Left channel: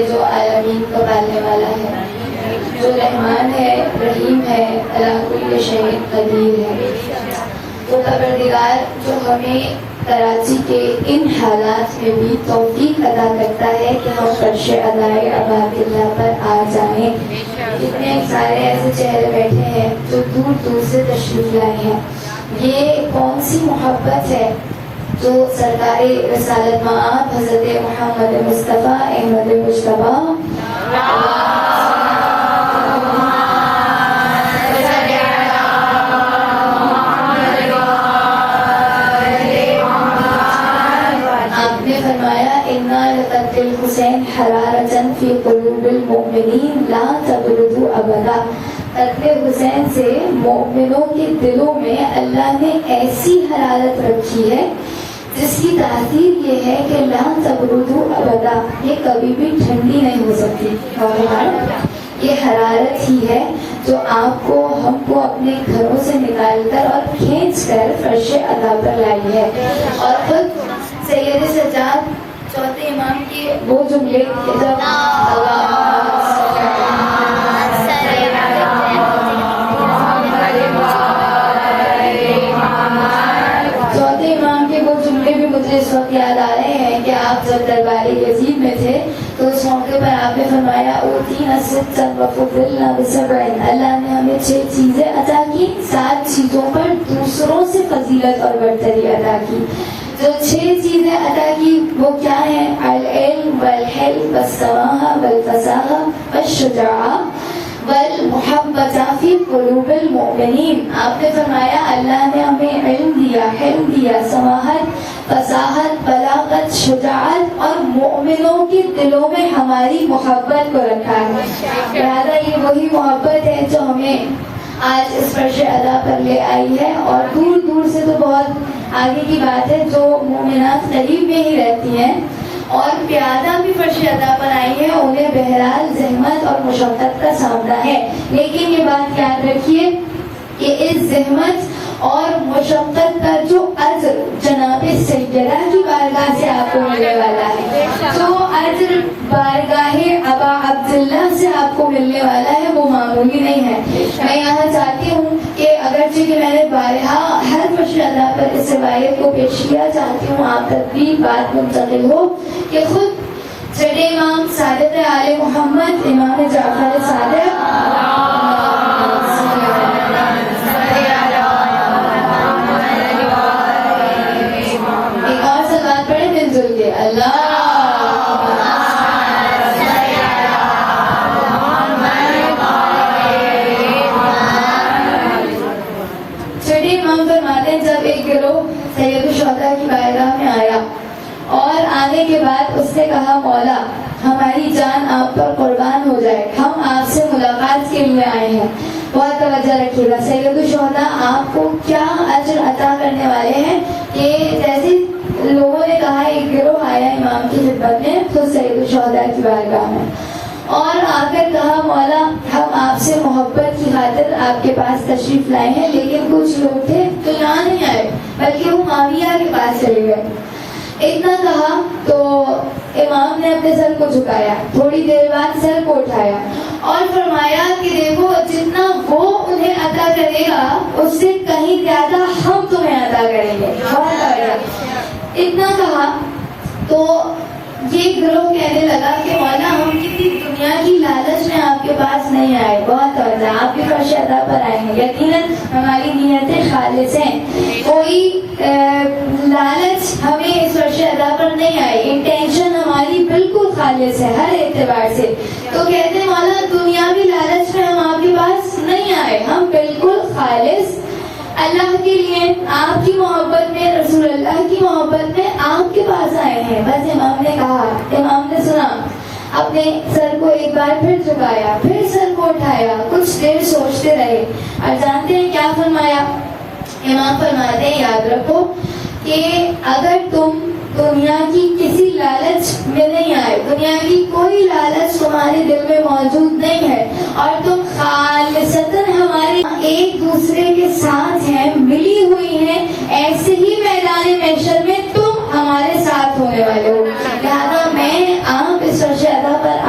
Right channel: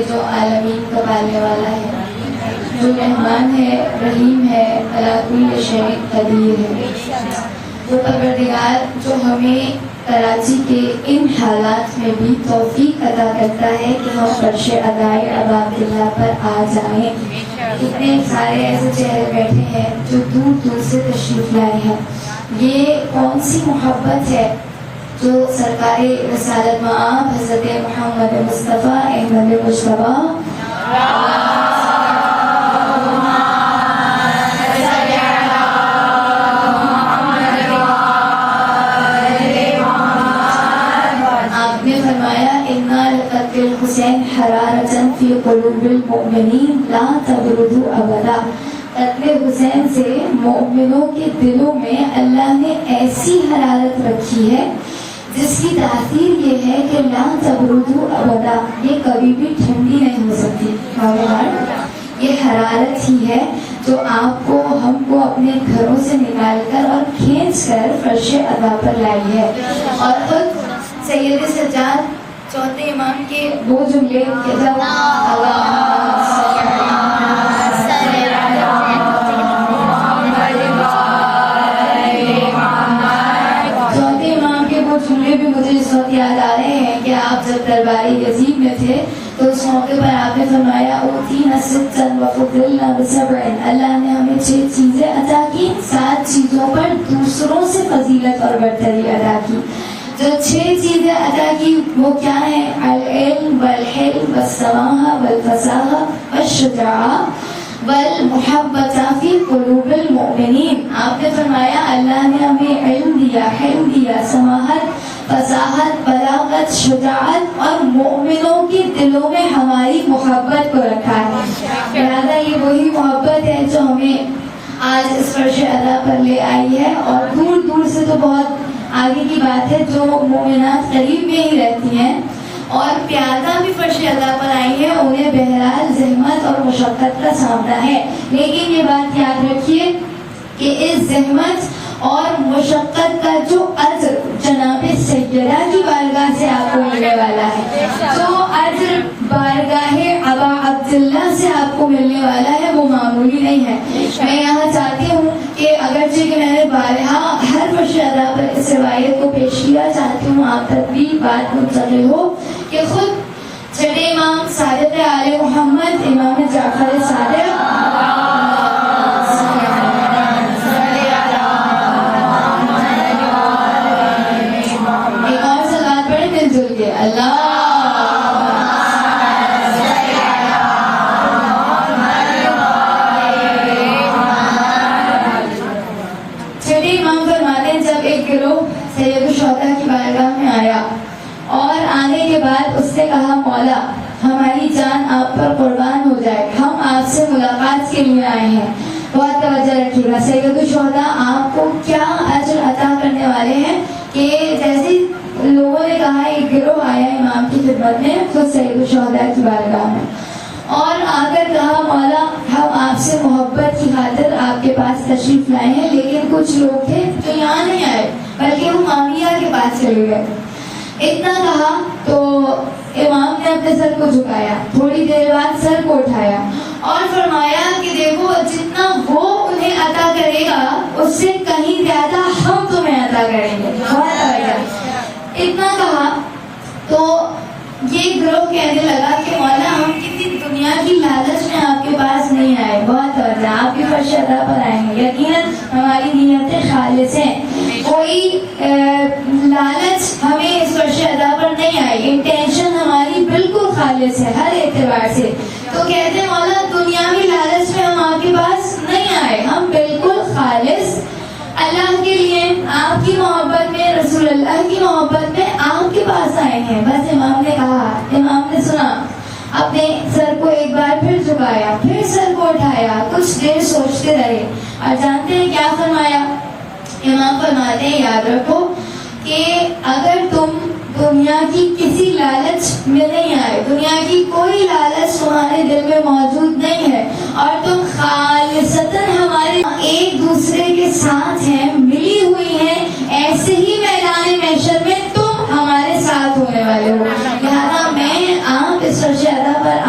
کے جو عالمین کا پالنے والا ہے، جو رحمان ہے، رحیم ہے، علی کل شیء قدیر ہے، وہ پروردگار جو ہمیں کراچی کے ان حالات میں بھی توفیق عطا کرتا ہے کہ ہم فرش ادائے عباد اللہ پر آ جائیں۔ اتنے سارے ایسے چہرے بیٹھے ہیں جو دور دور سے تشریف لائے ہیں۔ یہ کون سی محبت ہے جو سرکار رسالت مآب حضرت محمد مصطفیٰ احمد مجتبیٰ حسین حرارتن فی قلوب المؤمنین لا تبردو ابدا۔ قتل حسین سے مومنوں کے دلوں میں اللہ نے ایسی حرارت رکھی ہے جس کی تاثیر یہ ہے کہ لا تبردو ابدا، یہ کبھی بھی ٹھنڈی نہیں ہو سکتی۔ یہ حرارت ہی ہے جو آپ کو ہم کو اپنے گھروں سے نکال کر اور کھینچ کر فرش ادا پر لائی ہے۔ اور خود سید سجاد چوتھے امام کے وہ جملے بھی مجھے اس وقت یاد آ رہے ہیں کہ آپ جب درباری یزید میں تھے تو اس موقع پر آپ نے فرمایا اوتینا ستا وفضلنا بسبع، اللہ نے ہمیں 6 چیزیں عطا کی، 7 چیزوں پر دوسروں سے فضیلت اور برتری عطا کی۔ جو 6 چیزیں عطا کی وہ کیا ہیں؟ العلم والحلم والسماحہ والفصاحہ والشجاعہ والمحبت فی قلوب المؤمنین۔ آپ نے فرمایا اللہ نے ہمیں علم دیا، حلم دیا، سماحت، فصاحت، بلاغت، شجاعت اور مومنوں کے دلوں میں ہماری محبت کو رکھا ہے۔ لہٰذا یہ وہی محبت ہے جو ہمیں آج اس فرش ادا پر لے آئی ہے، اور دور دور سے تو بہت آگے کی بات ہے، جو مومنات قریب میں ہی رہتی ہیں اور پیادہ بھی فرش ادا پر آئی ہے، انہیں بہرحال زحمت اور مشقت کا سامنا ہے، لیکن یہ بات یاد رکھیے کہ اس زحمت اور مشقت کا جو اجر جناب سیدہ کی بارگاہ سے آپ کو ملنے والا ہے، جو اجر بارگاہ ابا عبداللہ سے آپ کو ملنے والا ہے، وہ معمولی نہیں ہے۔ میں یہاں چاہتی ہوں کہ اگرچہ کہ میں نے بارہا ہر فرش ادا پر اس روایت کو پیش کیا، چاہتی ہوں آپ تک بھی بات منتقل ہو کہ خود چھٹے امام صادق آل محمد امام جعفر صادق مولا ہماری جان آپ پر قربان ہو جائے، ہم آپ سے ملاقات کے لیے آئے ہیں، بہت توجہ رکھیے گا۔ سید الشہداء آپ کو کیا اجر عطا کرنے والے ہیں کہ جیسے لوگوں نے کہا ایک گروہ آیا امام کی خدمت میں خود سید الشہداء کی بارگاہ میں اور آ کر کہا مولا ہم آپ سے محبت کی خاطر آپ کے پاس تشریف لائے ہیں، لیکن کچھ لوگ تھے جو یہاں نہیں آئے بلکہ وہ معاویہ کے پاس چلے گئے۔ اتنا کہا تو امام نے اپنے سر کو جھکایا، تھوڑی دیر بعد سر کو اٹھایا اور فرمایا کہ دیکھو جتنا وہ انہیں عطا کرے گا اس سے کہیں زیادہ ہم تمہیں عطا کریں گے۔ اتنا کہا تو یہ گروہ کہنے لگا کہ مولا ہم کسی دنیا کی لالچ میں آپ کے پاس نہیں آئے، بہت توجہ، آپ کے فرش ادا پر آئے ہیں، یقیناً ہماری نیتیں خالص ہیں، کوئی لالچ ہمیں اس فرش ادا پر نہیں آئی، انٹینشن ہماری بالکل خالص ہے ہر اعتبار سے۔ تو کہتے ہیں مولا دنیاوی لالچ میں ہم آپ کے پاس نہیں آئے، ہم بالکل خالص اللہ کے لیے، آپ کی محبت میں، رسول اللہ کی محبت میں آپ کے پاس آئے ہیں۔ بس امام نے کہا، امام نے سنا، اپنے سر کو ایک بار پھر جھکایا، پھر سر کو اٹھایا، کچھ دیر سوچتے رہے اور جانتے ہیں کیا فرمایا؟ امام فرماتے ہیں یاد رکھو کہ اگر تم دنیا کی کسی لالچ میں نہیں آئے، دنیا کی کوئی لالچ تمہارے دل میں موجود نہیں ہے اور تم خالصتاً ہمارے ایک دوسرے کے ساتھ ہیں، ملی ہوئی ہیں، ایسے ہی میدان محشر میں تم ہمارے ساتھ ہونے والے ہو۔ لہذا میں آپ اس فرش ادا پر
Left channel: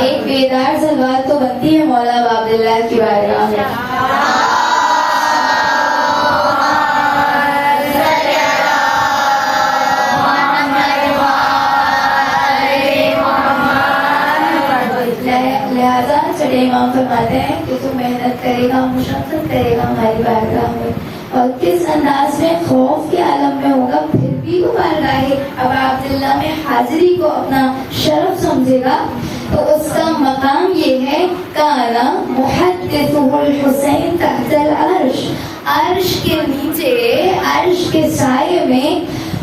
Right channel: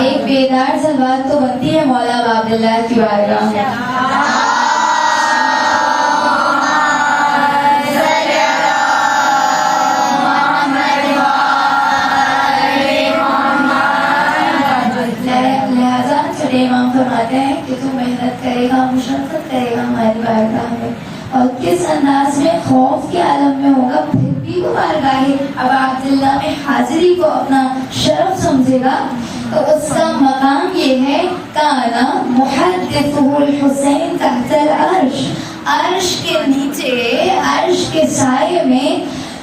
ایک بیدار سا بات تو بنتی ہے مولا عبداللہ کی بارگاہ میں. لہٰذا چھٹے امام فرماتے ہیں کہ تو محنت کرے گا, مشقت کرے گا ہماری بارگاہ میں, اور کس انداز میں خوف کے عالم میں ہوگا, پھر بھی وہ بارگاہ ابا عبداللہ میں حاضری کو اپنا شرف سمجھے گا, تو اس کا مقام یہ ہے کانا محدثہ الحسین تحت العرش, عرش کے نیچے, عرش کے سائے میں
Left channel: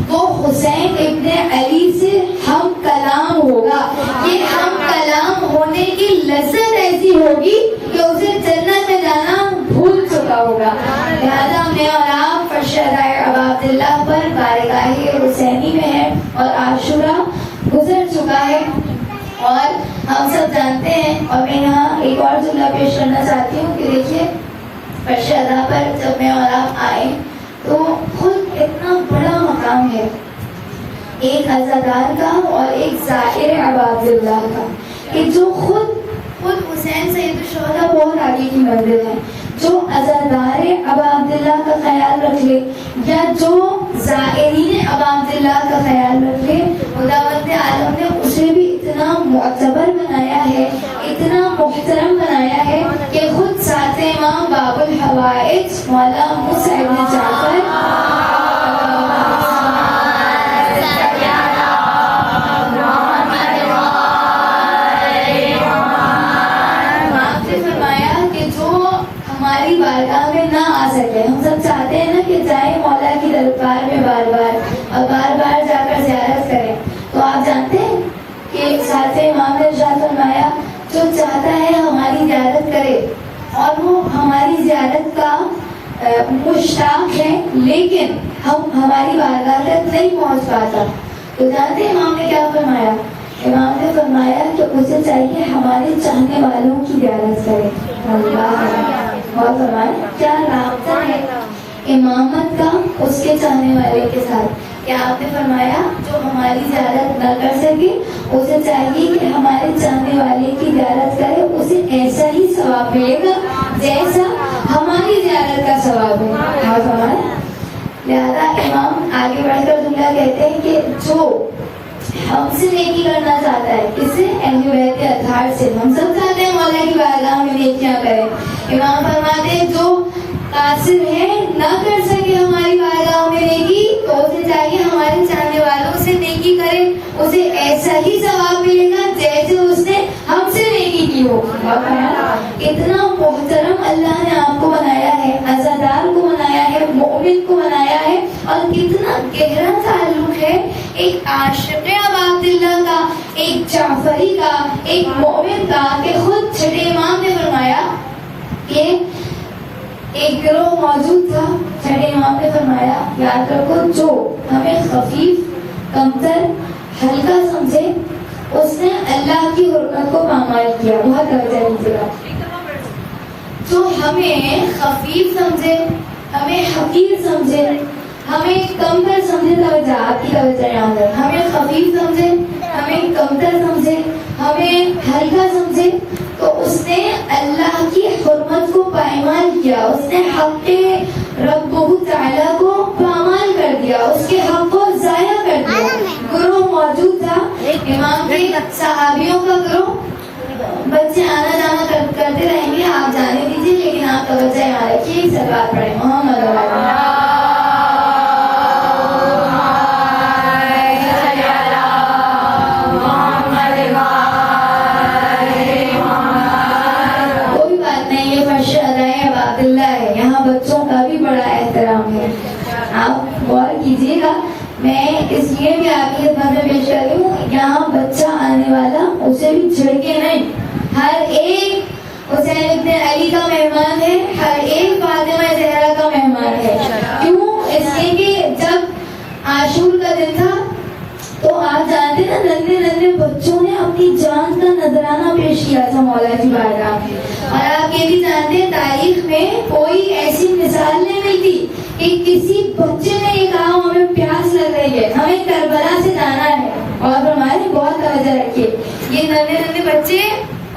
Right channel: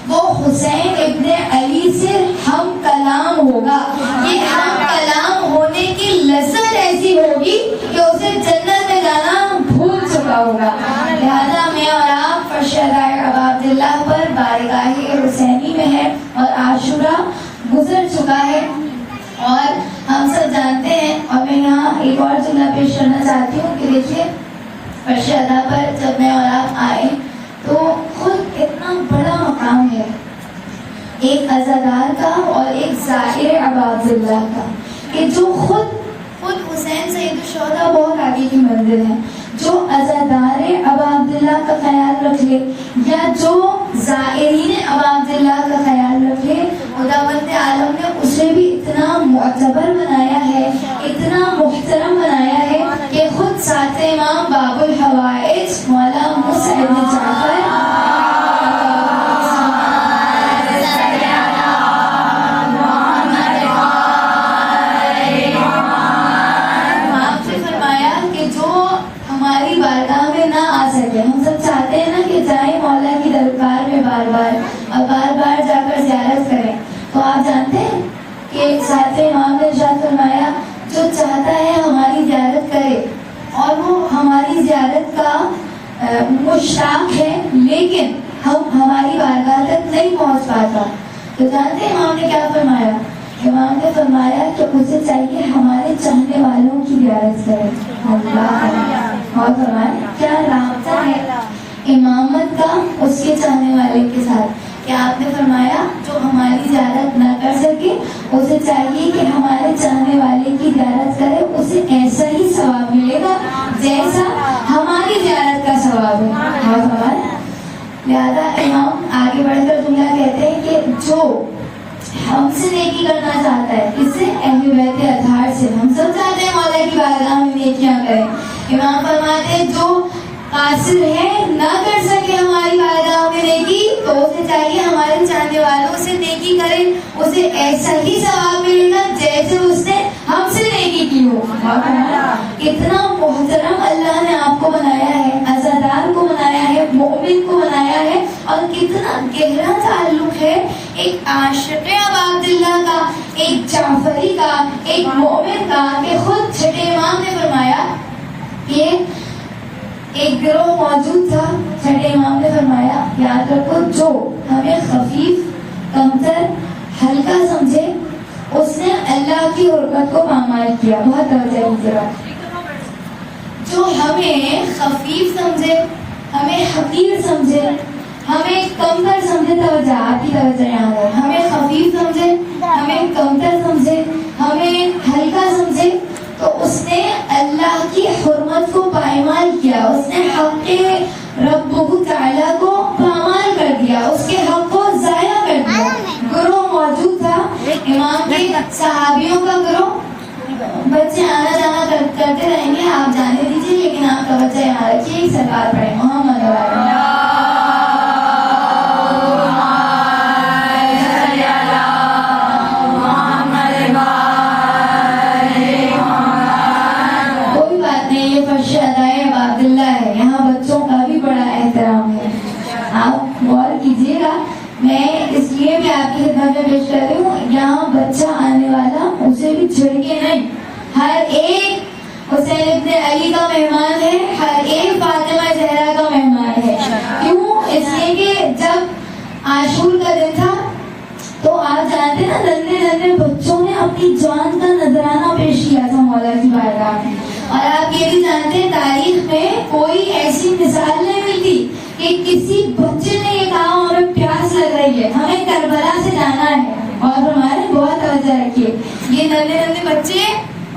وہ حسین ابن علی سے ہم کلام ہوگا. یہ ہم کلام ہونے کی لذت ایسی ہوگی کہ اسے جنت میں جانا بھول چکا ہوگا. لہذا میں اور آپ فرشتۂ ابا عبداللہ پر بارگاہ حسینی میں ہے اور عاشورہ گزر چکا ہے, اور ہم سب جانتے ہیں. اور میں یہاں ایک اور جملہ پیش کرنا چاہتی ہوں کہ دیکھیے فرش ادا پر جب میں اور آپ آئے تو خود اتنا بڑا مقام ہے ایک عزادار کا اور ایک زائر ابا عبداللہ کا, کہ جو خود حسین سید الشہداء بہت آگے کی منزل ہے, جو عزادار ابا عبداللہ کا خیال رکھ لے یا جو زائرین ابا عبداللہ کا خیال رکھ لے, خداوند عالم نے اسے بھی اتنا معتبر بنایا ہے, اتنا محترم بنایا ہے کہ خود ساتھ امام باب الحوائج مولا موسیٰ ابن جعفر فرمایا کہ جو ہماری بارگاہ میں نہ آ سکے, ہم سب چاہتے ہیں نا کہ جائیں مولا کی دربار میں بار بار اور بار بار جا کر زیارت کریں, تو آپ جانتے ہیں کہ ساتھ امام نے ارشاد فرمایا جو چاہتا ہے ہماری زیارت کرے اور وہ ہماری زیارت کا مشتاق ہے لیکن ہم ہماری بارگاہ تک نہیں پہنچ پاتا, تو جانتے ہیں امام نے کیا فرمایا؟ امام نے فرمایا کہ اسے چاہیے ہمارے چاہنے والوں کی زیارت کرے. اللہ اور فرمایا کیا رابطہ ہے امامت کا اس کے چاہنے والے کے ساتھ, کہ آپ نے فرمایا جو ہماری زیارت نہ کر سکے اسے چاہیے کہ ہمارے چاہنے والے کی زیارت کرے, اسے ایسا ہی ثواب ملے گا جیسا ہماری زیارت کا ثواب ہے. اور فرمایا لہٰذا امام آگے بڑھ کر جملہ کہتے ہیں کہ جو ہم سے نیکی کرنا چاہتا ہے, کس سے؟ اہل بیت اطہار سے. ہم سب چاہتے ہیں مولا کی بارگاہ میں نیکیاں کریں. امام فرماتے ہیں جو قاصر ہے نہ کر سکے ہماری بارگاہ میں نیکی, تو اسے چاہیے ہمارے چاہنے والوں سے نیکی کرے, اسے ایسا ہی ثواب ملے گا جیسے اس نے ہم سے نیکی کی ہو. اتنا محترم اللہ نے آپ کو بنایا ہے, عزادار کو بنایا ہے, مومن کو بنایا ہے, اور کتنا گہرا تعلق ہے ایک عاشق ابا عبداللہ کا, ایک جعفری کا, ایک مومن کا, کہ خود چھٹے امام نے فرمایا کہ ایک گروہ موجود تھا. چھٹے امام نے فرمایا یاد رکھو جو ہمیں خفیف, کمتر, ہلکا سمجھے اس نے اللہ کی حرمت کو پامال کیا. بہت توجہ دیجیے گا. جو ہمیں خفیف سمجھے, ہمیں حقیر سمجھے, ہمیں کمتر سمجھے, توجہ آپ کی توجہ یہاں ہے, ہمیں خفیف سمجھے, ہمیں کمتر سمجھے, ہمیں ہلکا سمجھے, تو اس نے اللہ کی حرمت کو پائمال کیا, اس نے حق رب تعالیٰ کو پامال کر دیا, اس کے حق کو ضائع کر دیا. گروہ موجود تھا امام کے صحابیوں کا گروہ, بچے آنا جانا کرتے رہیں گے, آپ جانے دیجیے, لیکن آپ توجہ یہاں رکھیے. سرکار پڑھیں محمد بچوں کا بھی بڑا احترام ہے. آپ غور کیجیے گا, میں اس لیے بھی آپ کی خدمت میں پیش کر رہی ہوں, یہاں بچہ آنے والا اسے بھی جھڑکے نہیں. ہر ایک حسین ابن علی کا مہمان ہے, ہر ایک فاطمہ زہرا کا مہمان کوئی ایسی مثال نہیں ملتی کہ کسی بچے نے یہ کہا ہمیں پیاس لگ رہی ہے، ہمیں کربلا سے جانا ہے. اور ہمارے بہت توجہ رکھیے، یہ ننھے ننھے بچے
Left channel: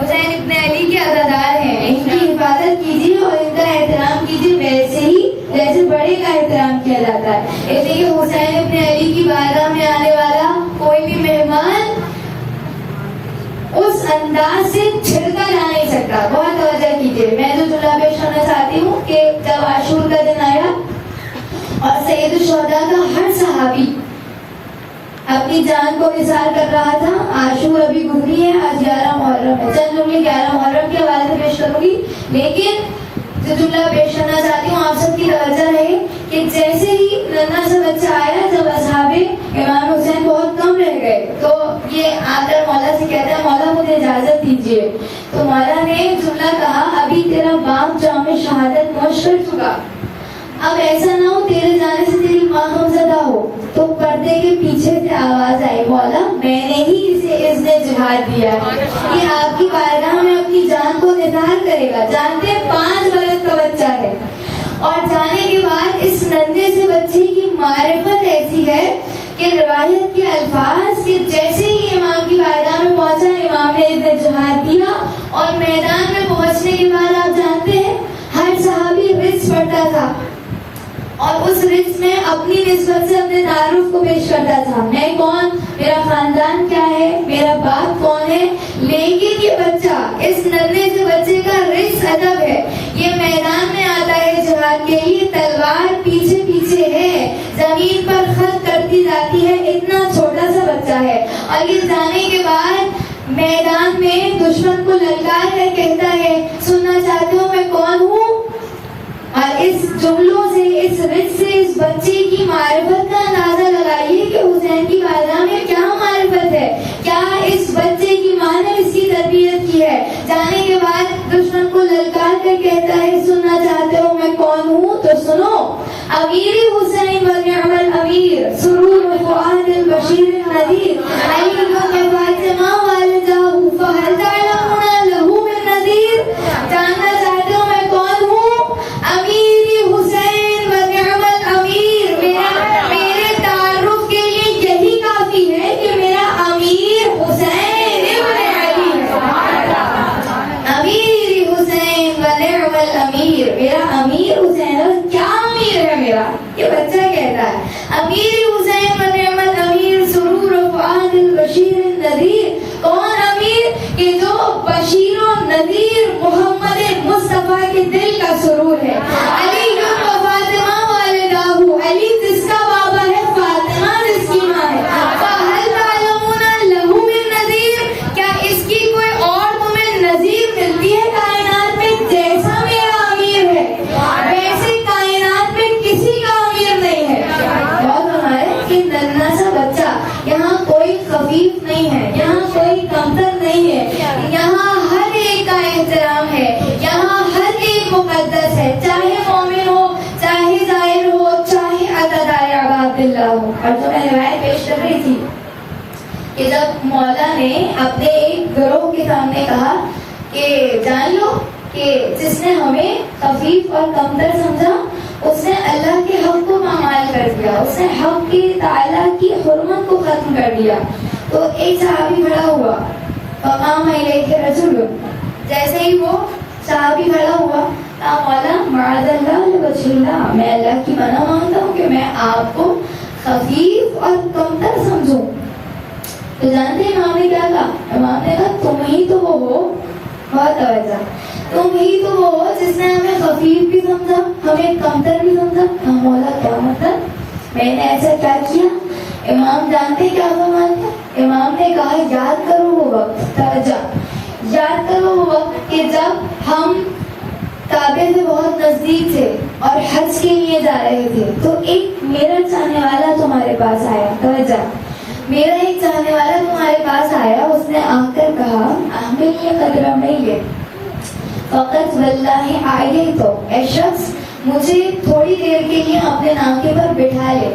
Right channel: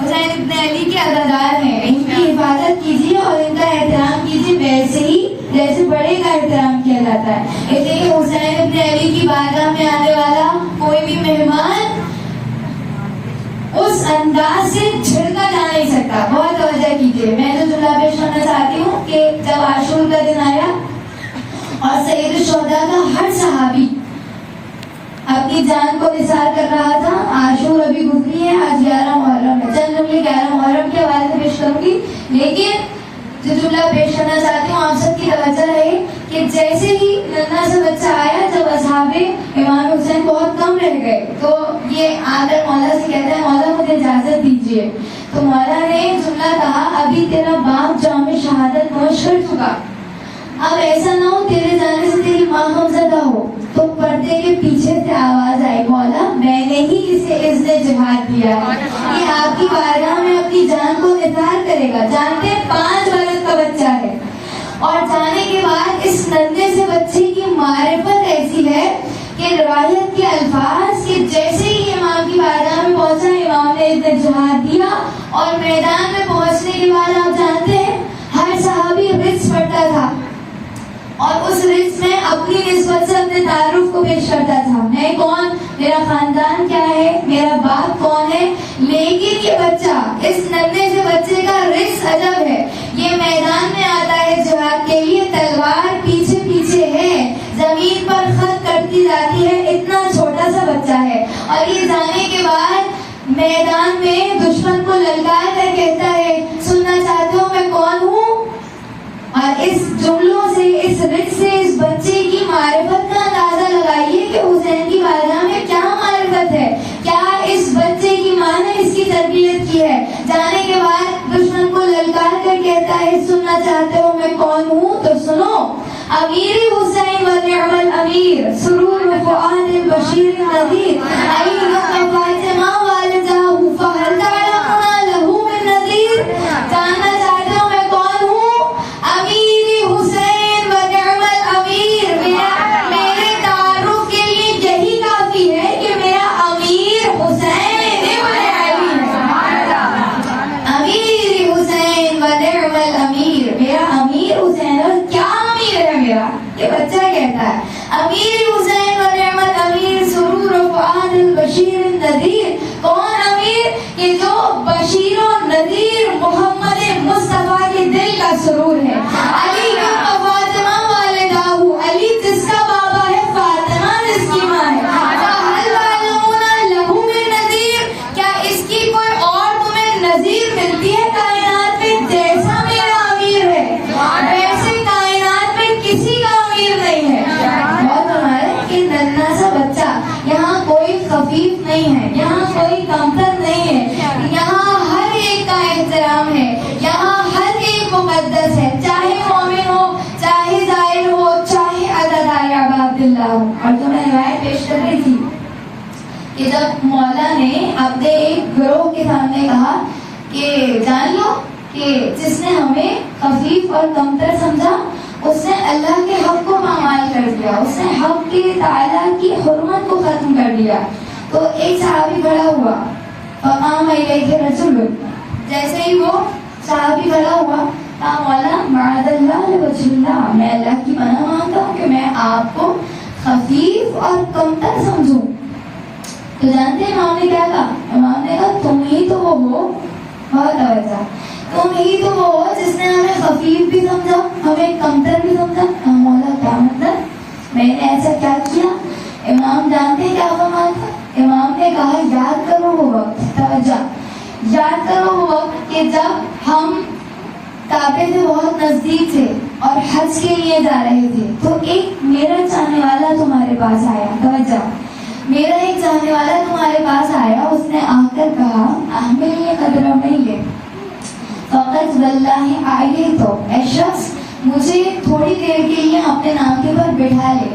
حسین ابن علی کے عزادار ہیں، ان کی حفاظت کیجیے اور ان کا احترام کیجیے ویسے ہی جیسے بڑے کا احترام کیا جاتا ہے. اس لیے حسین ابن علی کی بارگاہ میں آنے والا کوئی بھی مہمان اس انداز سے چھڑ کر جا نہیں سکتا. بہت توجہ کیجیے. میں جو جملہ پیش کرنا چاہتی ہوں کہ جب عاشور کا دن آیا اور سید الشہداء کا ہر صحابی اپنی جان کو نثار کر رہا تھا. عاشور ابھی گزری ہے، آج 11 محرم ہے. چند جملے 11 محرم کے حوالے سے پیش کروں گی، لیکن جو جملہ پیش کرنا چاہتی ہوں آپ سب کی توجہ رہے کہ جیسے ہی ننھا سا بچہ آیا، جب اصحاب امام حسین بہت کم رہ گئے تو یہ آ کر مولا سے کہتا ہے مولا مجھے اجازت دیجیے. تو مولا نے جملہ کہا ابھی تیرا باپ جام شہادت نوش کر چکا، اب ایسا نہ ہو تیرے جانے سے تیری ماں غمزدہ ہو. تو پردے کے پیچھے سے آواز آئی مولا میں نے ہی اسے اذن جہاد دیا ہے، یہ آپ کی بارگاہ میں اپنی جان کو نثار کرے گا. جانتے 5 برس کا بچہ ہے، اور جانے کے بعد اس ننھے سے بچے کی معرفت ایسی ہے کہ روایت کے الفاظ کہ جیسے ہی امام کی بارگاہ میں پہنچا امام نے اذن جہاد دیا، اور میدان میں پہنچنے کے بعد آپ جانتے ہیں ہر صحابی رز پڑھتا تھا اور اس رز میں اپنی نسبت سے اپنے تعارف کو پیش کرتا تھا. میں کون، میرا خاندان کیا ہے، میرا باپ کون ہے. لیکن یہ بچہ اس ننھے سے بچے کا رز عجب ہے. یہ میدان میں آتا ہے جہاد کے لیے، تلوار پیچھے پیچھے ہے، زمین پر خط کرتی جاتی ہے، اتنا چھوٹا سا بچہ ہے. اور یہ جانے کے بعد میدان میں دشمن کو للکار کر کہتا ہے سننا چاہتے ہو میں کون ہوں. اور اس جملوں سے، اس رز سے اس بچے کی معرفت کا اندازہ لگائیے کہ حسین کی بارگاہ میں کیا معرفت ہے، کیا اس بچے کی ماں نے اس کی تربیت کی ہے. جانے کے بعد دشمن کو للکار کر کہتا ہے سننا چاہتے ہو میں کون ہوں، تو سنو امیر حسین و نعم الامیر سرور فؤاد البشیر نذیر علی و فاطمہ والدہ فہل تعلمون لہو من نذیر. جاننا چاہتے ہو میں کون ہوں، امیر حسین و نعم الامیر. میرے تعارف کے لیے یہی کافی ہے کہ میرا امیر حسین ابن علی، امیر حسین و نعم الامیر. میرا امیر حسین، اور کیا امیر ہے میرا، یہ بچہ کہتا ہے امیر حسین و نعم الامیر سرور فؤاد البشیر النذیر. کون امیر، کہ جو بشیر و نذیر محمد مصطفیٰ کے دل کا سرور ہے. علی و فاطمہ والدہ، علی جس کا بابا ہے، فاطمہ جس کی ماں ہے. فہل تعلمون لہو من نذیر، کیا اس کی کوئی اور تمہیں نظیر ملتی ہے کائنات میں؟ جیسا میرا امیر ہے ویسے کائنات میں کسی کا امیر نہیں ہے. بہت ہمارے کہ ننھا سا بچہ، یہاں کوئی خفیف نہیں ہے، یہاں کوئی کمتر نہیں ہے، یہاں ہر ایک کا احترام ہے، یہاں ہر ایک مقدس ہے، چاہے مومن ہو، چاہے ظاہر ہو، چاہے عزادار ابا عبداللہ ہو. اور جو میں روایت پیش کر رہی تھی کہ جب مولا نے اپنے ایک گروہ کے سامنے کہا کہ جان لو کہ جس نے ہمیں خفیف اور کمتر سمجھا اس نے اللہ کے حق کو پامال کر دیا، اس نے حق کے تعالیٰ کی حرمت کو ختم کر دیا. تو ایک صحابی کھڑا ہوا، فقام الیہ رجل، جیسے ہی وہ صحابی کھڑا ہوا کہا مولا معاذ اللہ لوجہ اللہ، میں اللہ کی پناہ مانگتا ہوں کہ میں آپ کو خفیف اور کمتر سمجھوں. تو جانتے ہیں امام نے کیا کہا؟ امام نے کہا تم ہی تو وہ ہو، بہت توجہ، تم ہی تو وہ ہو جس نے ہمیں خفیف بھی سمجھا، ہمیں کمتر بھی سمجھا. مولا کیا مطلب، میں نے ایسا کیا کیا؟ امام جانتے کیا فرماتے؟ امام نے کہا یاد کرو وہ وقت، توجہ، یاد کرو وہ وقت کہ جب ہم کعبے سے بہت نزدیک تھے اور حج کے لیے جا رہے تھے، تو ایک میرا چاہنے والا تمہارے پاس آیا. توجہ، میرا ایک چاہنے والا تمہارے پاس آیا، اس نے آ کر کہا احمل یہ قدر میں فقط واللہ آئیے، تو اے شخص مجھے تھوڑی دیر کے لیے اپنے ناکے پر بٹھا لے،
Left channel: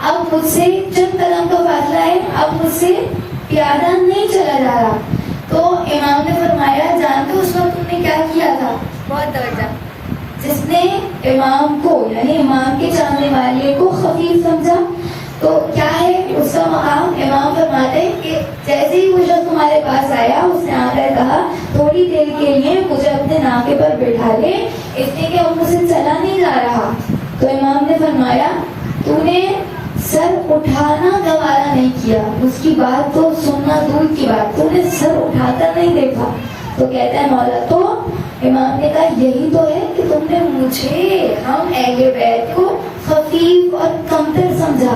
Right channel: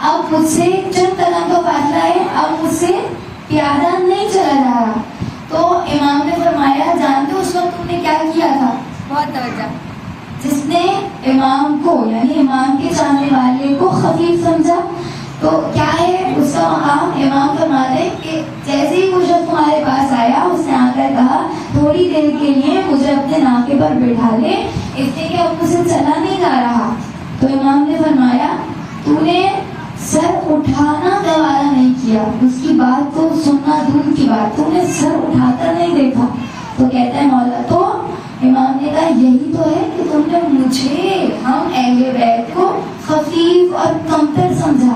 اب مجھ سے چند قدم کا فاصلہ ہے، اب مجھ سے پیادہ نہیں چلا جا رہا. تو امام نے فرمایا جانتے اس وقت تم نے کیا کیا تھا؟ بہت توجہ، جس نے امام کو یعنی امام کے چاہنے والے کو خفیف سمجھا تو کیا ہے اس کا مقام؟ امام فرماتے ہیں کہ جیسے ہی وہ شخص تمہارے پاس آیا اس نے آ کر کہا تھوڑی دیر کے لیے مجھے اپنے ناکے پر بٹھا لے، اس لیے کہ اب مجھ سے چلا نہیں جا رہا. تو امام نے فرمایا تو نے سر اٹھانا گوارا نہیں کیا، اس کی بات تو سننا دور کی بات، تو نے سر اٹھا کر نہیں دیکھا. تو کہتے ہیں مولا تو امام نے کہا یہی تو ہے کہ تم نے مجھے ہم اہل بیت کو خفیف اور کمتر سمجھا،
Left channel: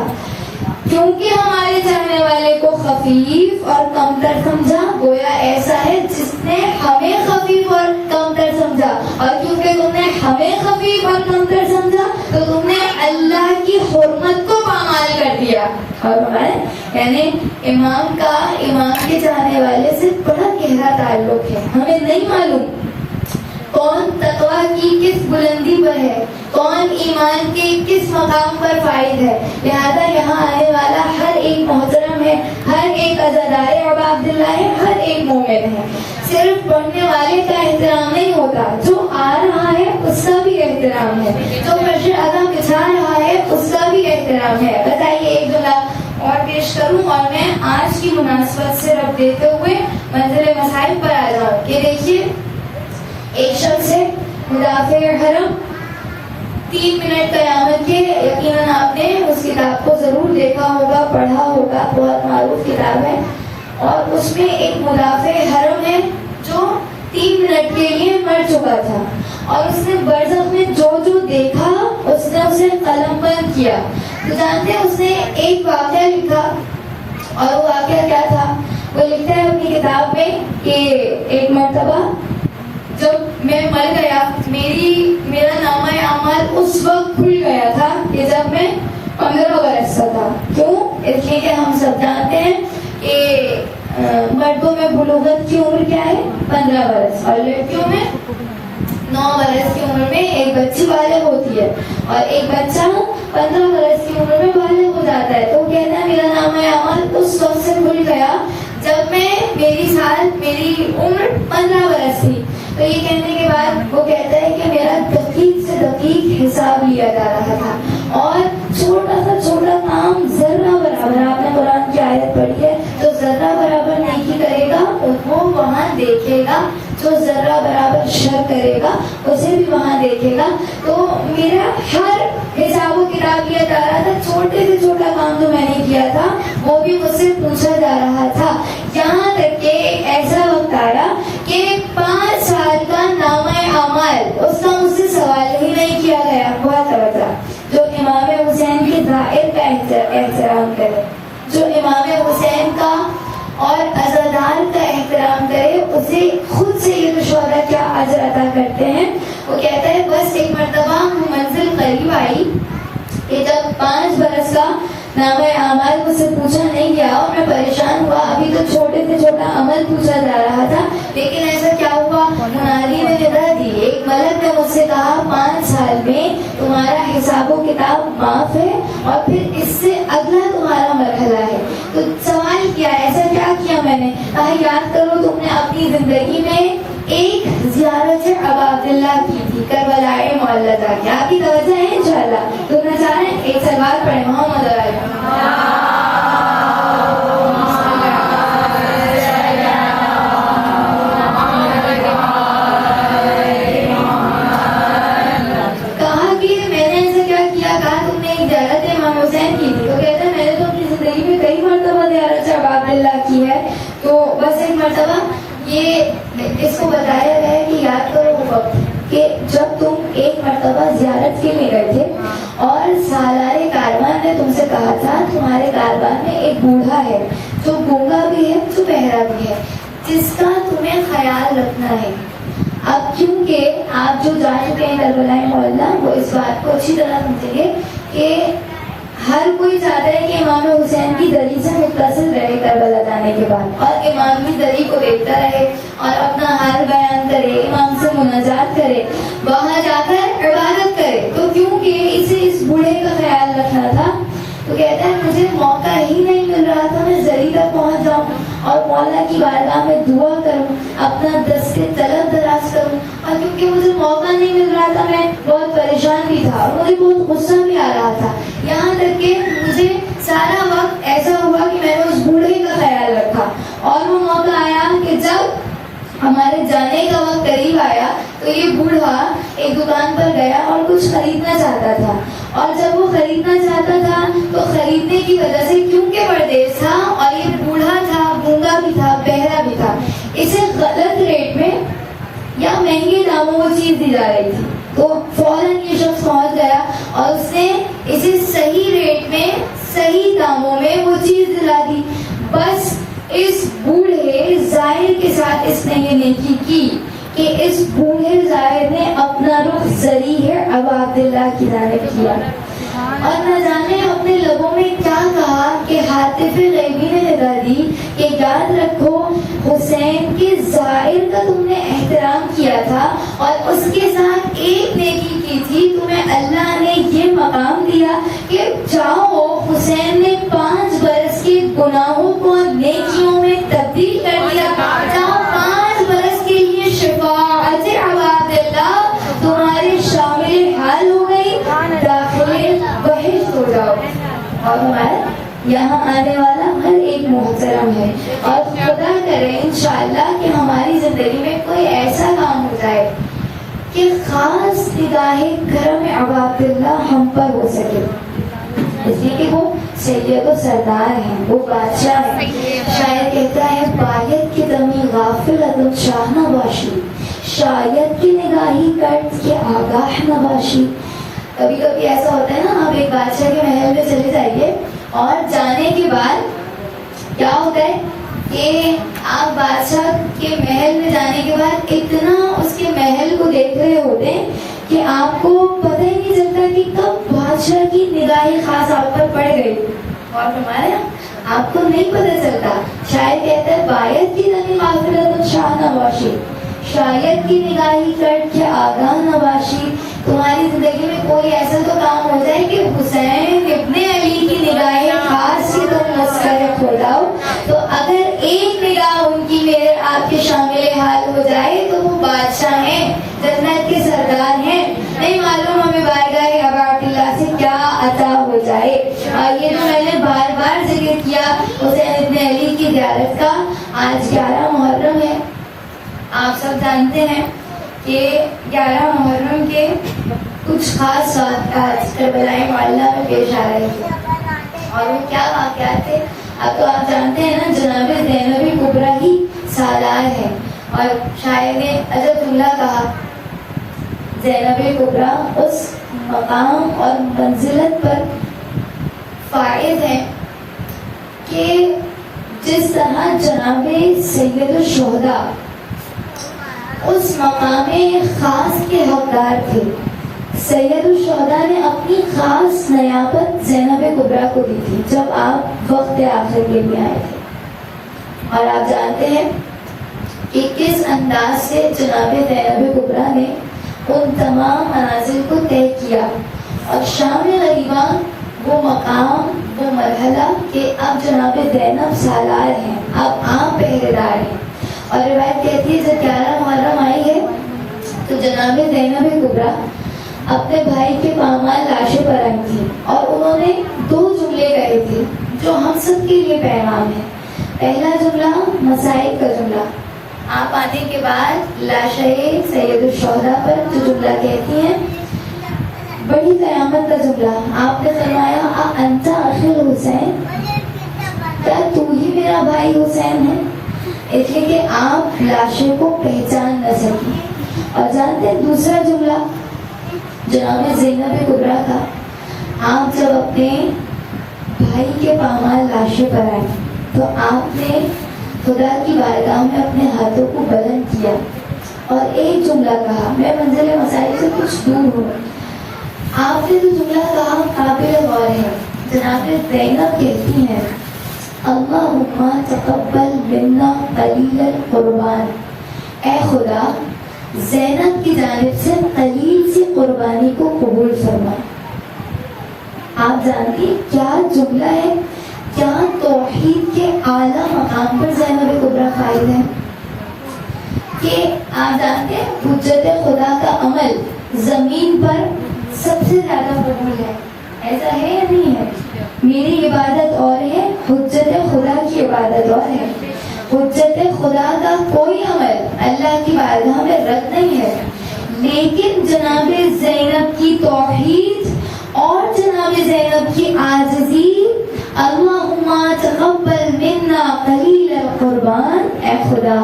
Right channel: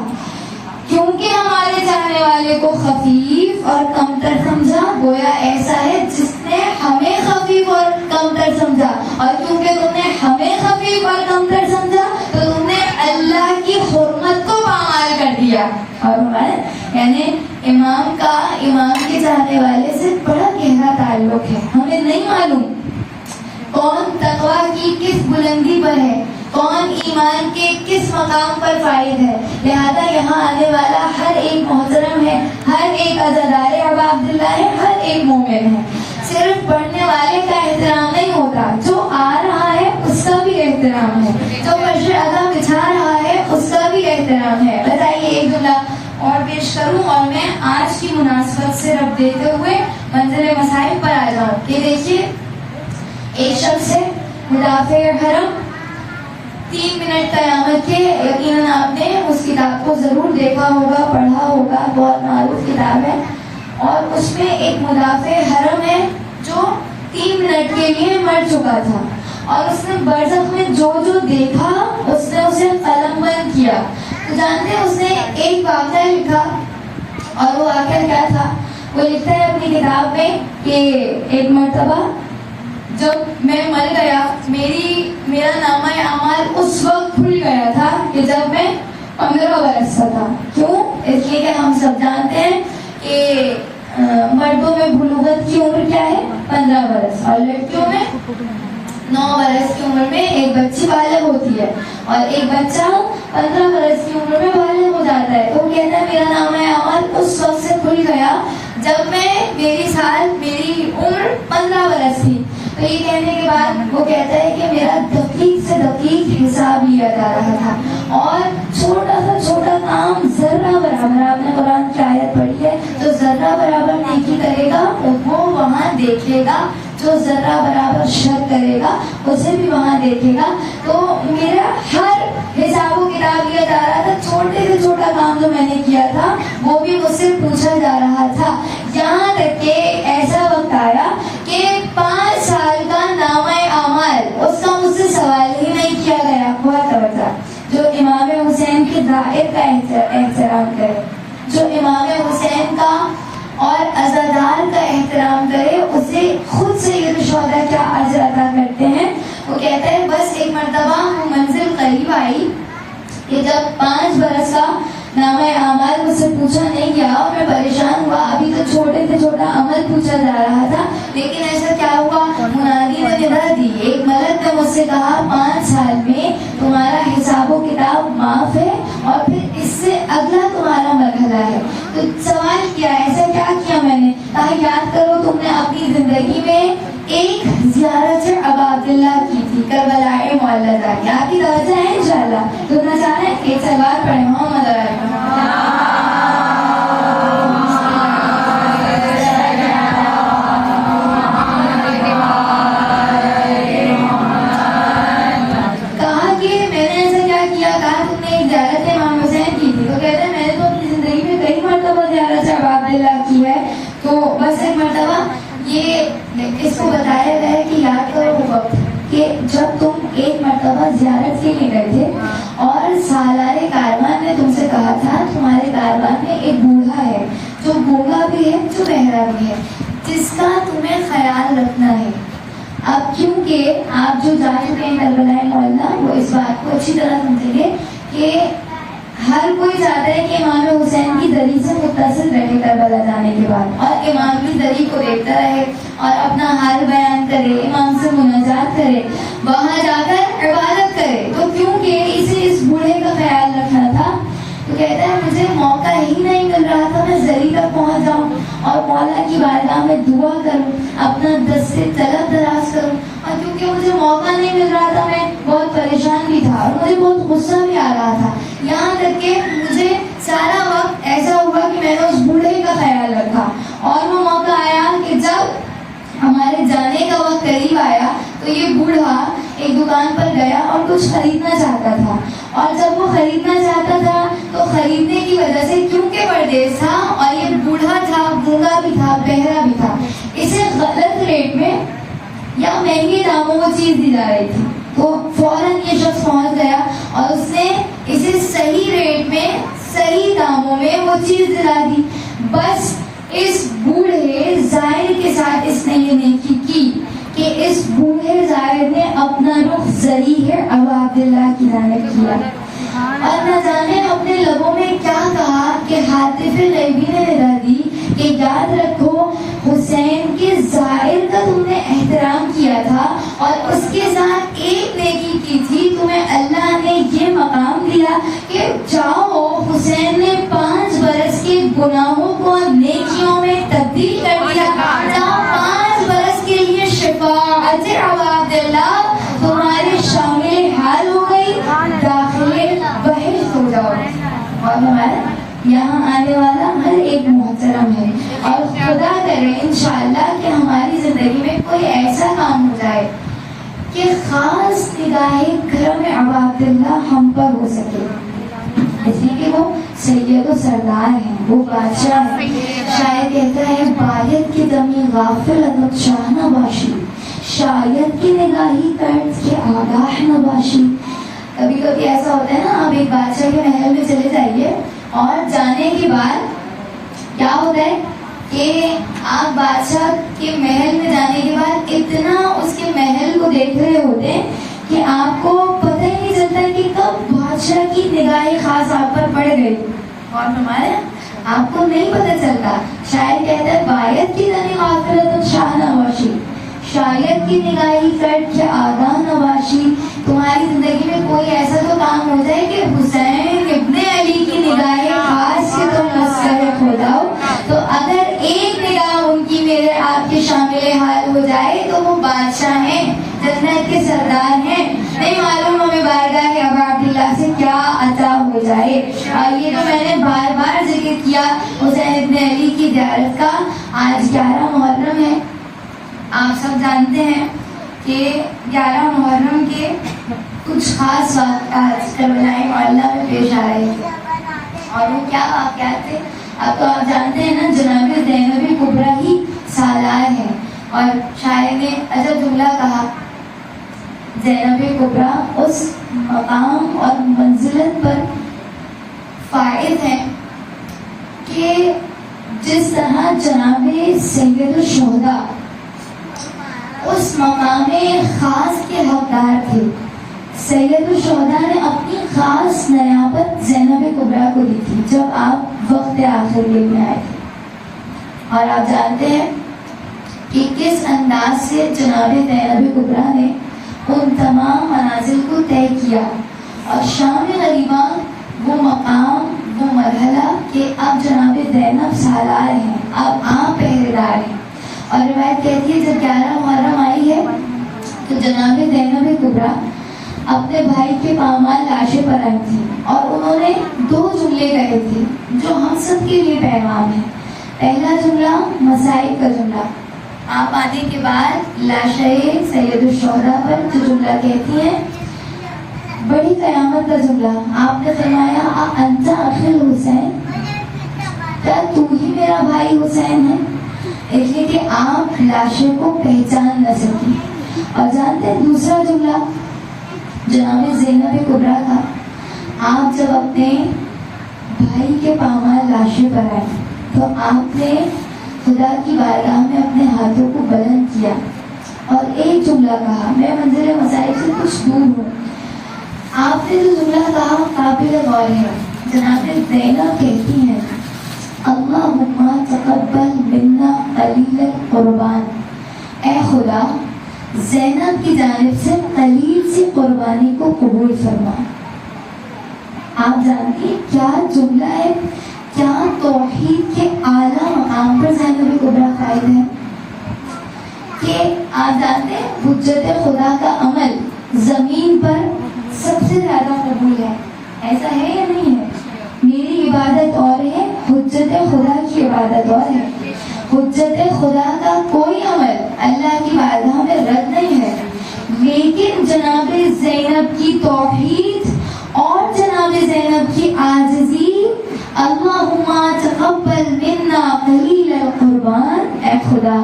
کیونکہ ہمارے چاہنے والے کو خفیف اور کمتر سمجھا گویا ایسا ہے جس نے ہمیں خفیف اور کمتر سمجھا، اور کیونکہ تم نے ہمیں خفیف اور کمتر سمجھا تو تم نے اللہ کی حرمت کو پامال کر دیا. اور ہمارے یعنی امام کا امام کے چاہنے والے سے بڑا گہرا تعلق ہے. ہمیں نہیں معلوم کون تقویٰ کی کس بلندی پر ہے، کون ایمان کے کس مقام پر فائد ہے. لہذا یہاں آنے والا ہر ایک محترم ہے، ہر ایک عزادار ابا عبداللہ ہے، ہر ایک مومن ہے. صرف پڑھنے والے کا احترام نہیں ہوتا، جو آ رہا ہے اس کا بھی احترام ہے، جو مشر ادا بچھا رہا ہے اس کا بھی احترام ہے. بتائیے ایک جملہ اور پیش کروں اور میں آج کی مناسبت سے رب دیتے ہوئے منزل مسائل پر آ جاؤں کہ دیکھیے ایک شخص ہے مدافع حرم 3 منٹ قیامت کے، یقیناً آپ نے اس کتاب کو ضرور دیکھا ہوگا، پڑھا ہوگا، بہت معروف کتاب ہے. اور اس میں ایک مدافع حرم ہے جو 3 منٹ کے لیے مر چکا تھا، اور اس نے برزخ میں جو جو دیکھا اس نے اسے قلم بند کیا. تو جانتے ہیں اس نے ایک واقعہ لکھا، اور وہ واقعہ کیا تھا؟ وہ لکھتا ہے اپنی کتاب میں کہ ایک مرتبہ جب میں مر گیا میرا نامہ اعمال اس وقت کھل گیا تھا کہ جب میں 15 برس کا تھا. کیوں؟ اس لیے کہ ہم سب جانتے ہیں کہ مردوں میں بلوغت کی عمر کیا ہے؟ 15 برس، اور لڑکیوں میں 9 برس کی عمر میں ایک بچی بالغ ہوتی ہے، اور ایک بچہ 15 برس کی عمر میں بالغ ہو جاتا ہے. تو کہتا ہے میرا نامہ اعمال اس وقت سے کھل گیا جب میری عمر 15 برس تھی. تو یہ کہنے کے بعد وہ کہتا ہے کہ میرا دقیق سے دقیق حساب لیا جا رہا تھا، اور چھوٹا سا چھوٹا کام ذرہ برابر، آپ نے قرآن کی آیت پڑھی ہے، جو ذرہ برابر نیکی کرے گا وہ وہاں دیکھے گا، جو ذرہ برابر شر کرے گا اسے بھی وہاں دیکھے گا. تو میرا ہر حساب و کتاب لیا جا رہا تھا، چھوٹے سے چھوٹا کام جو میں نے کیا تھا وہ بھی مجھ سے پوچھا جا رہا تھا. یہاں تک کہ ایسا وقت آیا کہ 5 سال کا نامہ اعمال اس کا مجھ سے سوال ہی نہیں کیا گیا. بہت توجہ، جو امام حسین کی دائر کا احترام کرے، جو امام حسین کا اور عزادار کا احترام کرے، اسے خود سید الشہداء کیا اجر عطا کرتے ہیں. وہ کہتا ہے بس ایک مرتبہ منزل قریب آئی کہ جب 5 برس کا نامہ اعمال مجھ سے پوچھا نہیں گیا اور میں پریشان ہوا. ابھی تو چھوٹے سے چھوٹا عمل پوچھا جا رہا تھا، لیکن ایسا کیا ہوا؟ منادی نے ندا دی، ایک ملک نے مجھ سے کہا 5 سال میں تمہارا حساب و کتاب معاف ہے، اور پھر اس سے اگلا تمہارا مرحلہ ہے. تو سوال کیا، ایسا کیا کیا میں نے؟ کہا یاد کرو تم نے اپنی زندگی میں ایک زیارت ابا عبداللہ کی تھی، کربلا معلدہ کی. آپ کی توجہ ہے انشاءاللہ؟ سننا چاہ رہے ہیں؟ ایک سوال پڑھے محمد علیہ. کہا کہ میں نے ایسا کیا کیا؟ کہا تم نے زیارت امام حسین کی تھی. تو کہتے ہیں میں نے تو اپنی زندگی میں کئی مرتبہ زیارت ابا عبداللہ کی ہے. تو بس ایک مرتبہ یہ اس کو بتایا گیا ہے کہ یاد کرو وقت کہ جب تم ایک مرتبہ زیارت کے لیے گئے تھے اور سالار کاروان نے تم سے کہا تھا تمہارے کاروان میں ایک بوڑھا ہے جو گونگا بھی ہے، جو بہرا بھی ہے، جس کا تمہیں خیال رکھنا ہے. اب کیونکہ آپ جو جا چکے ہیں کربلا معلدہ، وہ اس بات کو اچھی طرح سمجھیں گے کہ ہر کوئی چاہتا ہے کہ امام حسین کی دری سے متصل رہے کربلا جانے کے بعد، اور امام کی دری کو دیکھتا رہے اور اپنا حال بیان کرے، امام سے مناجات کرے، وہاں جا کر عبادت کرے. تو کیونکہ اسے اس بوڑھے کا خیال رکھنا تھا، تو کہتا ہے مجھے موقع ہی نہیں مل رہا تھا میں زری تک پہنچ جاؤں اور مولا کی بارگاہ میں دعا کروں، اپنا دست طلب دراز کروں، اور کیونکہ مجھے موقع نہیں مل رہا تھا میں بھی تھا اور مجھے بہت غصہ بھی آ رہا تھا، یہاں تک کہ مجھے سارا وقت ایسا ہوا کہ میں نے اس بوڑھے کا خیال رکھا، اور وہ موقع آیا کہ جب ہمارے جانے کا وقت قریب آیا تو یہ بوڑھا ایک دکان پر گیا اور کچھ خریدنا چاہتا تھا، اور جب وہ خریدنا چاہتا تھا تو خریدنے کی وجہ سے کیونکہ پردیس تھا اور یہ بوڑھا تھا، گونگا بھی تھا، بہرا بھی تھا، اسے غلط ریٹ میں یا مہنگے داموں وہ چیز دی جا رہی تھی، تو فوراً یہ شخص پہنچ گیا اور اس نے اسے صحیح ریٹ میں صحیح داموں میں وہ چیز دلا دی۔ بس اس بوڑھے زائر کے ساتھ اس نے یہ نیکی کی کہ اس بوڑھے زائر نے اپنا رخ ذریح ابا عبداللہ کی جانب کیا، اور نہ جانے اپنے لبوں میں کیا کہا کہ حاطف غیبی نے ندا دی کہ یاد رکھو حسین کے زائر کا تم نے احترام کیا تھا اور اس کے ساتھ ایک نیکی کی تھی، تمہیں اللہ نے یہ مقام دیا کہ جاؤ حسین نے 5 برس کے گناہوں کو نیکیوں میں تبدیل کر دیا، جاؤ 5 برس کے لیے شفاعت ابا عبداللہ تمہارے شامل حال ہو گئی، داخل بہشت ہو جاؤ۔ اور ہمارا یہاں آنے والا ہر ایک محترم ہے، اور خدا کرے انشاءاللہ کہ ہماری زندگی میں کوئی ایسا کام ہو جائے کہ خاص نگاہ کرم ابا عبداللہ ہم پر ہو سکے، اس لیے کہ وہ سید و سردار ہیں، وہ بادشاہ ہیں۔ شاعر کہتا ہے باید کی دمی غافل عدد شاہ نباشی، شاید کی نگاہی کرد کے آگاہ نباشی۔ کبھی کبھی ایسا ہوتا ہے نا، آپ ایک بادشاہ کے محل میں چلے جائیے اور جانے کے بعد کیا ہوتا ہے کہ آپ بادشاہ کے محل میں جانے کے بعد اتنا اس کے محل کو دیکھ رہے ہوتے ہیں کہ آپ کو پتہ ہی نہیں چلتا کہ کب بادشاہ کی نگاہیں خاص آپ پر پڑ گئی، اور ہمارے آپ کو نہیں پتہ چلتا۔ شاعر کہتا ہے باید کی دمی غافلت شاہ نواشی، شاید کی نگاہی کٹ کے آگاہ نواشی۔ تمہاری زندگی میں کوئی ایسا تو کام ہو جائے کہ حسین ابن علی کی نگاہ خاص سے تم مستحق ہو جاؤ، تو اگر ایک نگاہ ان کی میرے آپ کے شامل حال ہو جائے تو وہ بادشاہ ہیں، جنت کے سردار ہیں، نہیں معلوم ہمیں بارگاہ ابا عبداللہ سے کیا عطا ہو جائے۔ یہ تو میں نے بار بار ذکر کیا حسین ابن علی کی زیارت کا۔ آج 11 محرم ہے، آپ سب جانتے ہیں کہ 11 محرم کے کچھ خاص واقعات کربلا معلیٰ میں پیش آ رہے تھے، اور وہ کیا واقعات تھے؟ اب تو آپ جانتے ہیں نا، جناب زینب کبریٰ ہی سالار ہے، اور شاعر نے عجب جملہ کہا، زینب کبریٰ اس مقام اور منزلت پر فائز ہے کہ جس طرح جناب سید الشہداء اس مقام خاص کے حقدار تھے، سید الشہداء نے اپنی خاص نیابت زینب کبریٰ کو دی تھی جب آپ وقت آخر کے لیے آئے تھے، اور آپ جانتے ہیں کہ کس انداز سے جناب زینب کبریٰ نے ان تمام منازل کو طے کیا، اور شام غریبہ وہ مقام، وہ مرحلہ کہ اب جناب زینب سالار ہیں، اب آپ پہرےدار ہیں۔ اور روایت کہتی ہے جب 11 محرم آئی ہے تو جناب زینب کبریٰ اپنے بھائی کے پامال لاشیں پر آئی تھی، اور انہوں نے 2 جملے کہے تھے جو ہم سب کے لیے پیغام ہے۔ پہلا جملہ مسائل کا جملہ، آپ آنے کے بعد لاشیں سید الشہداء پر جو جملہ کہتی ہیں، بڑی قیامت کا جملہ، آپ نے فرمایا انت اخی حسین، کیا تو ہی میرا بھائی حسین ہے؟ اس لیے کہ آپ لاشوں کو پہچان نہ سکی۔ اور جانتے ہیں دوسرا جملہ جناب زینب کبریٰ کا، آپ جب اپنے بھائی کے پامال لاشیں پر آئے تو آپ نے خدا کی بارگاہ میں اپنے ہاتھوں کو بلند کیا اور ایک جملہ کہا، میں منزل مسائل سے کچھ دور ہوں، آپ نے جو جملہ کہا قابل غور ہے۔ جناب زینب کہتی ہیں اللہم تقبل منا قلیل القربان، اے خدا زینب کی جانب سے قلیل سی قربانی کو قبول فرما۔ آپ جانتی ہیں کیا جملہ ہے، کیا توحید کے اعلیٰ مقام پر زینب کبریٰ قائد ہے کہ آپ جانتے ہیں حجت خدا کا عمل زمین پر سب سے سے زیادہ قبول ہے. ایسا ہے یا نہیں ہے؟ میری عبادت اور ہے، حجت خدا کی عبادت اور ہے. حجت خدا کا کوئی عمل اللہ کی بارگاہ میں رد نہیں ہے، لیکن جناب زینب کی توحید اور جناب زینب کی عاجزی، اللہم تقبل منا قلیل القربان، اے خدا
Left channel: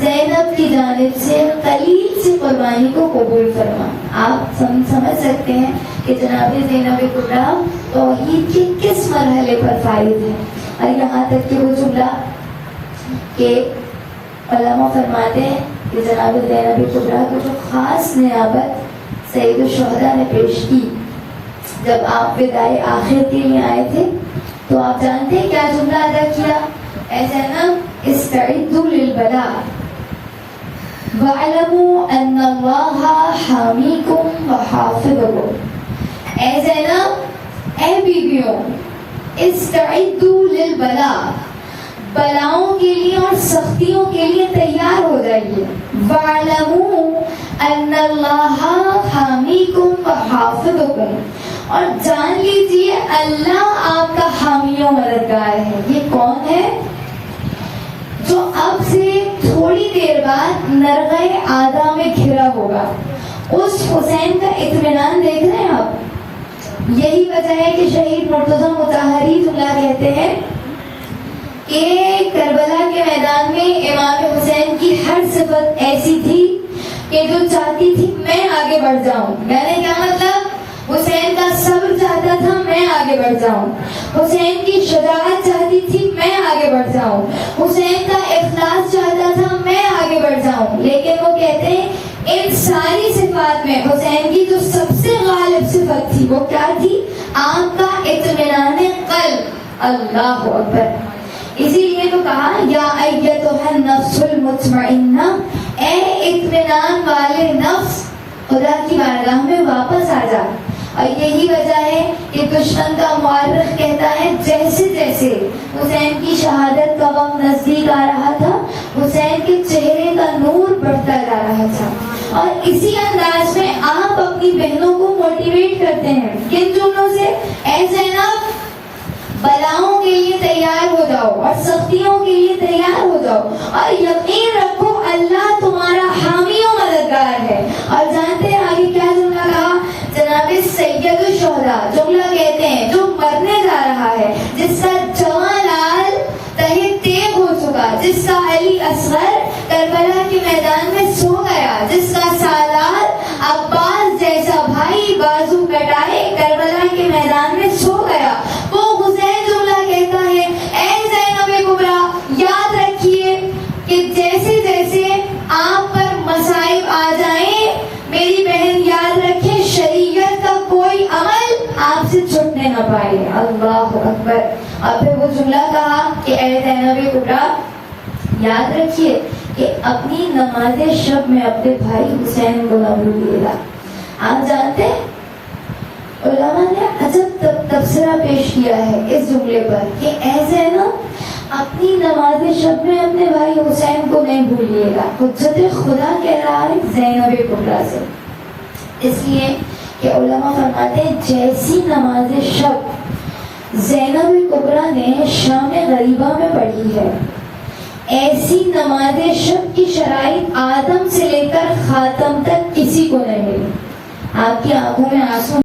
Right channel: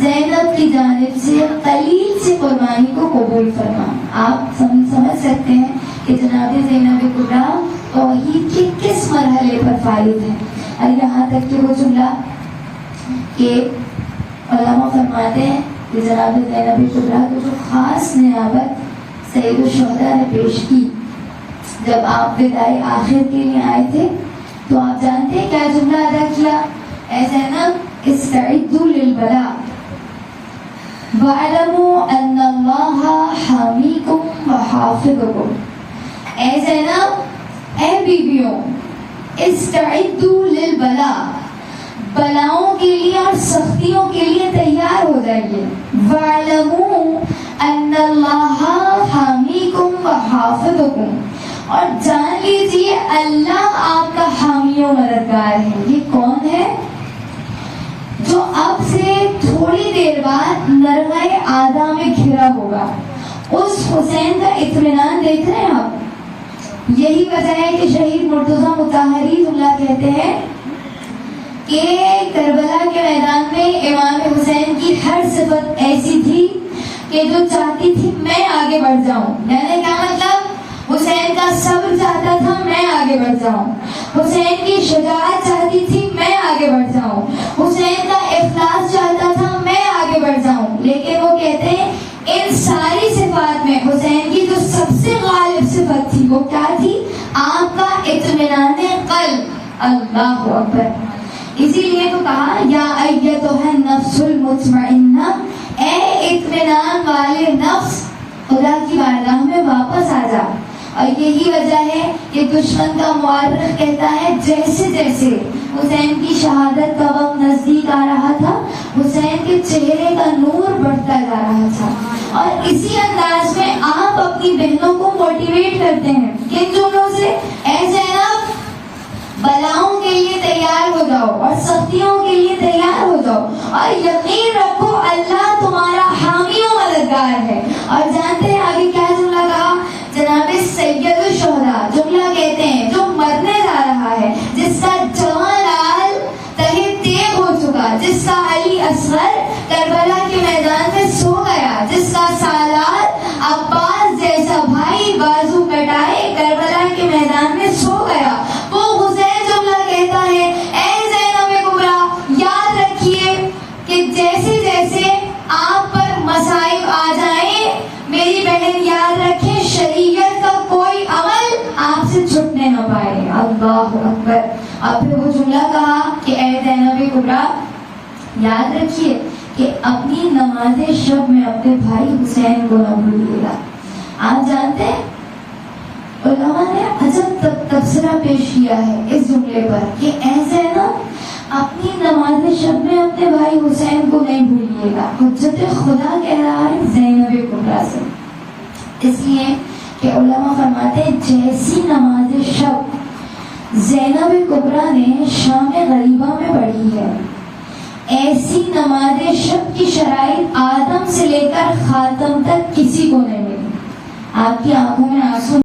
زینب کی جانب سے قلیل سے قربانی کو قبول فرما. آپ سمجھ سکتے ہیں کہ جناب زینب کبریٰ توحید کے کس مرحلے پر فائز ہے. اور یہاں تک کہ وہ جملہ کہ علماء فرماتے ہیں کہ جناب زینب کبریٰ کو جو خاص نیابت سید الشہداء نے پیش کی جب آپ وداع آخر کے لیے آئے تھے، تو آپ جانتے ہیں کیا جملہ ادا کیا؟ اے زینب استعدوا للبلاء وَاعْلَمُوا أَنَّ اللَّهَ حَامِيكُمْ وَحَافِظُكُمْ. اے زینب، اے بیبیوں، استعدوا للبلاء، بلاؤں کے لیے اور سختیوں کے لیے تیار ہو جائیے. وَاعْلَمُوا أَنَّ اللَّهَ حَامِيكُمْ وَحَافِظُكُمْ، اور جان لیجیے اللہ آپ کا حامی و مددگار ہے. یہ کون ہے؟ جو اب سے تھوڑی دیر بعد نرغہ آدھا میں گھرا ہوگا. اس حسین کا اطمینان دیکھ رہے ہیں آپ. یہی وجہ ہے کہ شہید مرتضیٰ مطہری اللہ کہتے ہیں کہ کربلا کے میدان میں امام حسین کی ہر صفت ایسی تھی کہ جو چاہتی تھی میں آگے بڑھ جاؤں. میں نے کہا مطلب حسین کا صبر چاہتا تھا میں آگے بڑھ جاؤں، حسین کی شجاعت چاہتی تھی میں آگے بڑھ جاؤں، حسین کا اخلاص چاہتا تھا میں آگے بڑھ جاؤں. لیکن وہ کہتے ہیں ان ساری صفات میں حسین کی جو سب سے غالب صفت تھی وہ کیا تھی؟ آپ کا اطمینان قلب. اللہ اکبر. اسی لیے تو کہا یا ایتھا النفس المطمئنہ، اے اطمینان والے نفس خدا کی بارگاہ میں واپس آ جا. اور یہی وجہ ہے کہ دشمن کا مورخ کہتا ہے جیسے جیسے حسین کی شہادت کا وقت نزدیک آ رہا تھا، حسین کے چہرے کا نور بڑھتا جا رہا تھا. اور اسی انداز میں آپ اپنی بہنوں کو موٹیویٹ کرتے ہیں کن جملوں سے؟ اے زینب بلاؤں کے لیے تیار ہو جاؤ اور سختیوں کے لیے تیار ہو جاؤ، اور یقین رکھو اللہ تمہارا حامی و مددگار ہے. اور جانتے ہیں آگے کیا جملہ کہا؟ جناب سید الشہداء جملہ کہتے ہیں جو مرنے جا رہا ہے، جس کا جوان لال تہے تیغ ہو چکا، جس کا علی اصغر کربلا کے میدان میں سو گیا، جس کا سالار عباس جیسا بھائی بازو کٹائے کربلا کے میدان میں سو گیا، وہ حسین جملہ کہتا ہے اے زینب کبریٰ یاد رکھیے کہ جیسے جیسے آپ پر مصائب آ جائیں میری بہن یاد رکھے شریعت کا کوئی عمل آپ سے چھٹنے نہ پائے. اللہ اکبر. اور پھر وہ جملہ کہا کہ اے زینب کبریٰ یاد رکھیے کہ اپنی نماز شب میں اپنے بھائی حسین کو نہ بھولیے گا. آپ جانتے ہیں علماء نے عجب تبصرہ پیش کیا ہے اس جملے پر کہ اے زینب اپنی نماز شب میں اپنے بھائی حسین کو نہیں بھولیے گا. حجت خدا کہہ رہا ہے زینب کبریٰ سے، اس لیے کہ علماء فرماتے ہیں جیسی نماز شب زینب کبریٰ نے شام غریبہ میں پڑھی ہے، ایسی نماز شب کی شرائط آدم سے لے کر خاتم تک کسی کو نہیں ملی. آپ کی آنکھوں میں آنسو